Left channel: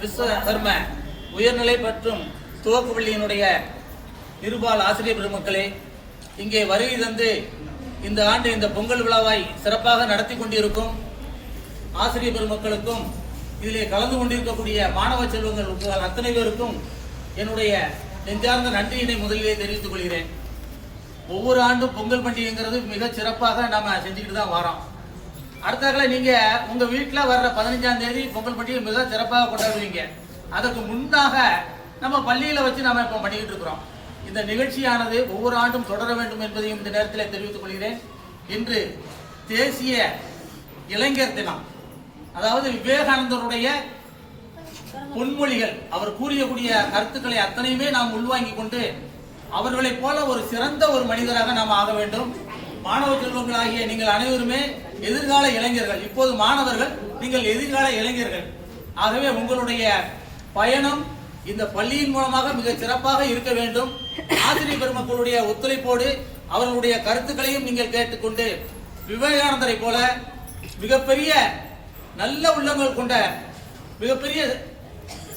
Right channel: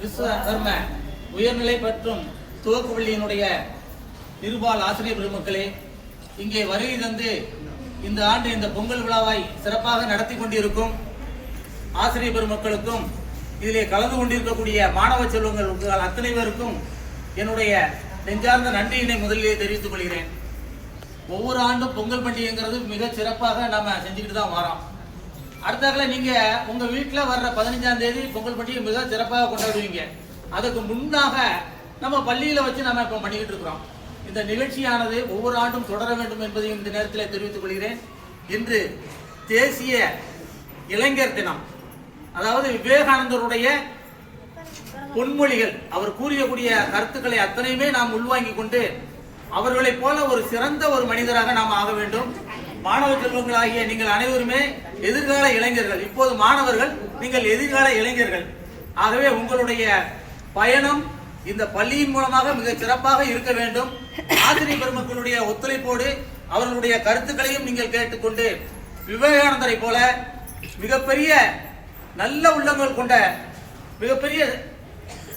விஸ்வகர்ம உயர்நிலை மற்றும் துவக்க பள்ளியினுடைய இருபால் ஆசிரியர் பெருமக்களே, இங்கே வருகை தந்து இந்த ஆண்டு இந்த பொங்கல் விழாவை சிறப்பாக நடத்தி கொண்டிருக்கும் ஆசிரியர் பெருமக்களுக்கும் இதிலே கலந்து கொண்டிருக்கக்கூடிய மாணவ செல்வங்கள் அத்தனை பேருக்கும் என்னுடைய நெஞ்சார்ந்த நன்றியினை முதலிலே தெரிவித்துக் கொள்கிறேன். ஒவ்வொரு ஆண்டும் பொங்கல் பண்டிகைங்கிறது மிக சிறப்பாக நாம செஞ்சுக்கிட்டு தான் வரோம். அடுத்தாக்கல நீங்க உங்க வீட்டில் வர்ற 15ஆம் தேதி பொங்கல் பண்டிகை மிக சிறப்பாக கொண்டாடுவீங்க. அதுக்கு முன்னாக நம்ம பள்ளியில வச்சு நாம இப்ப பண்ணிக்கிட்டு இருக்கிறோம். இந்த நிகழ்ச்சியானது ஒவ்வொரு ஆண்டும் தொடர வேண்டும் என்பதையும் இந்த நேரத்தில் தெரிவித்துக் கொள்கிறேன். இன்று தேசிய இளைஞர் தினம். அதாவது விவேகானந்தருடைய பொன்மொழிகள், அவர் கூறியக்கூடிய கருத்துக்களை அத்தனையுமே நாம் உள்வாங்கிக் கொண்டு அவர்களைப் போல ஒரு சிறந்த ஒரு மனிதராக நாம் ஆக வேண்டும். மாணவ செல்வங்கள் ஆகிய நீங்கள் அனைவருமே எதிர்கால இளைஞர்கள். இப்போது மாணவர்கள், நீங்கள் எதிர்கால இளைஞர்கள். ஆகவே உங்களுடைய பயணம் இந்த பள்ளியின் மூலமாக மிக சிறப்பாக இருக்க வேண்டும். ஆசிரியர் பெருமக்களுடைய ஒத்துழைப்போடு அவர்களுடைய கருத்துக்களையும் நீங்கள் கேட்டுக்கொண்டு விவேகானந்தரை போல மிகப்பெரிய நல்ல உள்ளங்கள் கொண்ட மிகப்பெரிய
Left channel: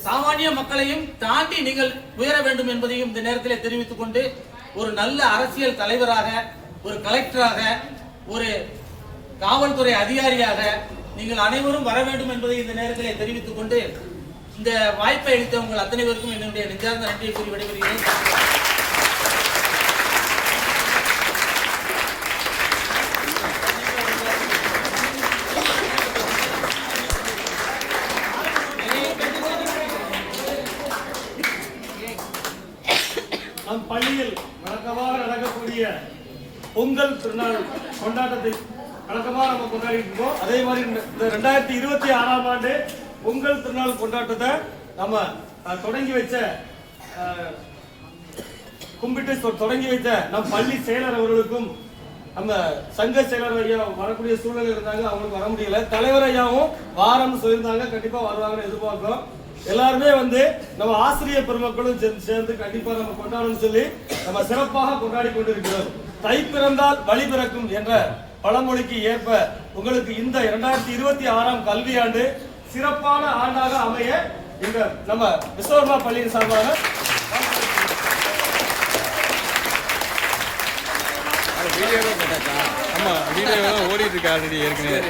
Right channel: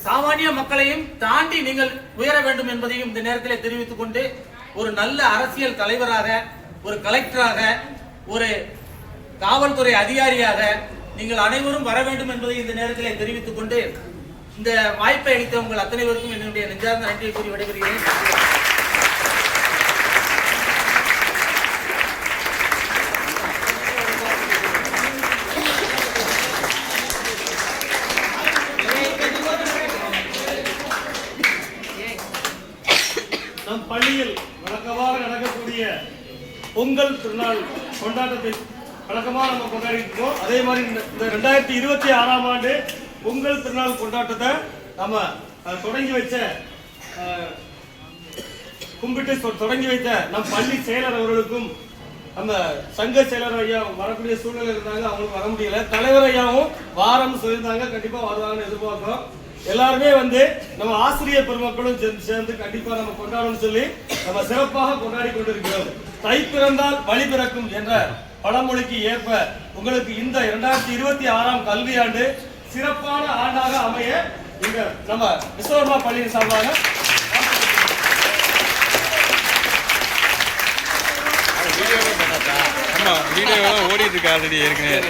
சாமானிய மக்களையும் தாண்டி நீங்கள் உயர வேண்டும் என்பதையும் இந்த நேரத்தில் தெரிவித்துக் கொண்டு, ஒரு நல்ல அரசியல் தலைவராக, ஒரு கலெக்டராக, ஒரு காவல்துறை அதிகாரியாக நீங்கள் அனைவரும் வர வேண்டும் என்பதை இந்த நேரத்தில் தெரிவித்துக் கொண்டு, இந்த வாய்ப்பை அளித்த உங்கள் அத்தனை பேருக்கும் என்னுடைய நெஞ்சார்ந்த நன்றியை கூறி விடைபெறுகிறேன். நம் பள்ளியில் வழக்கமாக நடக்கக்கூடிய பொங்கல் திருநாள் கொண்டாட்டத்தை வழக்கமாக நம்ம கொண்டாடிட்டு இருக்கோம். அதே மாதிரி இந்த 2026ஆம் ஆண்டு பொங்கல் திருநாள் கொண்டாட்டத்தை நம்ம தொடங்கி வைத்த நம் பள்ளி செயலர் அவர்களுக்கும், நம்ம சங்க செயலர் ஐயா வரக்கூடிய சூழ்நிலை இருந்தாங்க, அவங்களுக்கு வர முடியல. தலைவர் ஐயாவும் வாரம்னு சொல்லியிருந்தாங்க, கண்டிப்பா வருவாங்கன்னு எதிர்பார்க்கிறோம். எல்லாருமே நம்ம ஆசிரியர் பெருமக்களும் சேர்ந்து கண்டிப்பா நம்ம கொண்டாடணும்னு சொல்லி நம்ம சிறப்பாக கொண்டாடி கொண்டிருக்கிறோம். தை பிறந்தால் வழி பிறக்கும் என்ற பழமொழிக்கு ஏற்ப உங்களுக்கு இந்த 2026ஆம் கல்வியாண்டு சிறப்பான ஆண்டாக அமைய இந்த நம்ம விஸ்வகர்மா பள்ளியின் சார்பாக வீடியோ ஓடிட்டு இருக்கு ஆல்ரெடி ஏற்கனவே.